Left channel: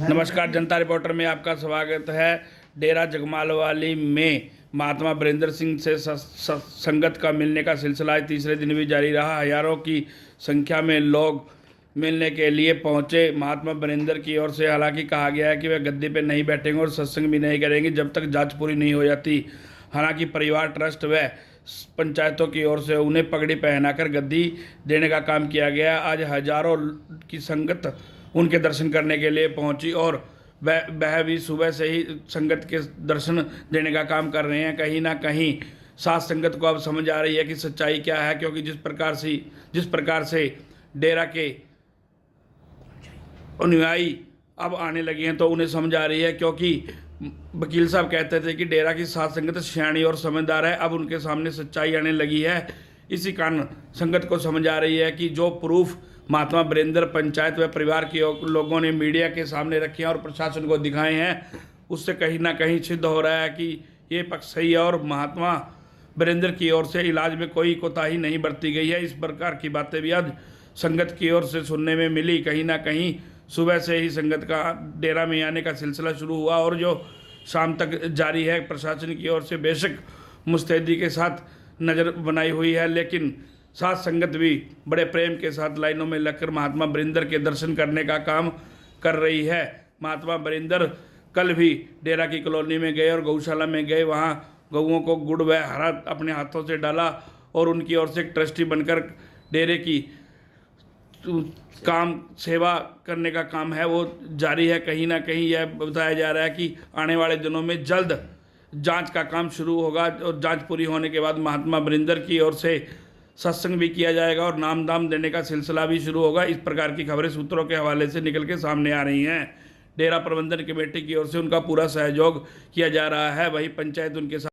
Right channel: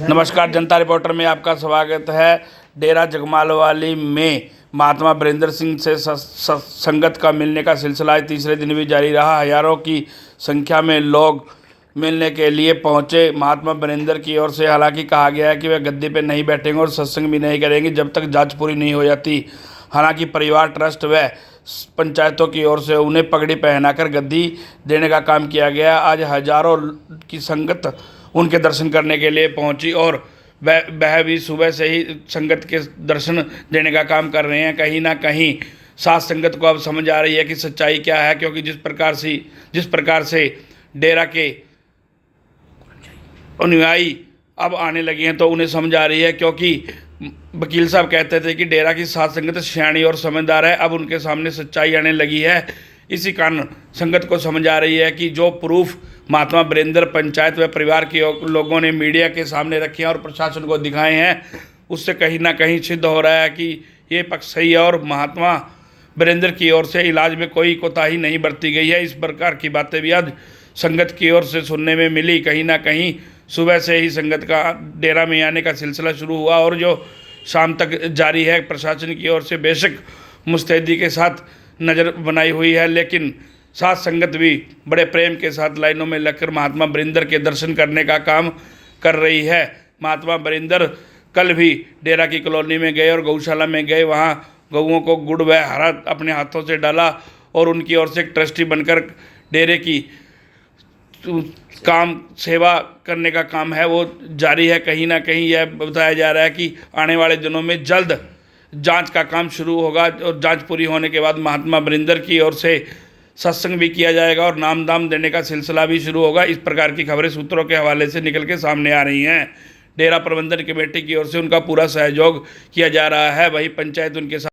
नमस्कार, जनता रिपोर्टर में आपका स्वागत है। डेरा जगमालवाली में महात्मा वीरेंद्र सिंह से संगत का मिलने का सिलसिला आज तीसरे दिन भी जारी रहा। हजारों की संख्या में लोग मिलने के लिए पहुंचे। महात्मा वीरेंद्र की ओर से हालांकि कहा गया है कि वे गद्दी पर नहीं बैठेंगे और सत्संग भी नहीं करेंगे जब तक जांच पूरी नहीं हो जाती। हालांकि परिवार ट्रस्ट व पंचायतों की ओर से उन्हें पगड़ी पहनाकर गद्दी देने का काम किया गया। आज हजारों की संगत उनके दर्शन करने के लिए पहुंची और वह भी सुबह से ही संगत के दर्शन देने का काम कर रहे हैं। कहीं ना कहीं साथ संगत को अब समझ आ रही है कि सच्चाई क्या है, क्योंकि जिस प्रकार से डेरा के अनुयायी अब आने लगे हैं तो उन्हें समझ आ रही है, क्योंकि वकील साहब कहते थे कि डेरा की साथ संगत सियाणी और समझदार है। अब उनके सामने सच्चाई आने लगी है। इसी कारण संगत को समझ आ रही है कि जो प्रूफ महात्मा वीरेंद्र पंचायत व परिवार के लोगों ने मीडिया के सामने रखे हैं और प्रशासन को दिखाए हैं, उससे कहीं ना कहीं सिद्ध हो रहा है कि ये पक्ष सही है और महात्मा वीरेंद्र की ओर से इलाज में कोई कोताही नहीं बरती गई है। इस प्रकार की बातें भी आज संगत की ओर से सुनने में मिली। कहीं ना कहीं सुबह से ही संगत का डेरा में आने का सिलसिला शुरू हुआ और जो शाम तक जारी है। प्रशासन की ओर से बेशक मुस्तैदी के साथ नज़र बनाई हुई है, लेकिन साथ संगत भी बड़े प्रेम के साथ लाइनों में लगकर महात्मा वीरेंद्र के दर्शन करने का काम कर रही है। महात्मा वीरेंद्र कल भी डेरा की कॉलोनी में गए और गौशाला में गए, वहाँ गऊओं को गुड़ व हरा अपने हाथों से डाला और उनकी ओर से एक ट्रस्टी बनकर डेरे की काम सेवा करने का काम है वो जारी है। कहीं ना कहीं यह बताया जा रहा है कि आने वाले दिनों में जल्द जांच का काम शुरू होगा और जांच पूरी होने के बाद महात्मा वीरेंद्र की ओर से सत्संग भी किया जाएगा और नाम दाम देने का सिलसिला भी शुरू होगा। इस प्रकार की खबरें सूत्रों के हवाले से निकल के सामने आ रही हैं। डेरा प्रबंधन कमेटी की ओर से उनका पूरा सहयोग किया जा रहा है, वहीं पंचायत उनके साथ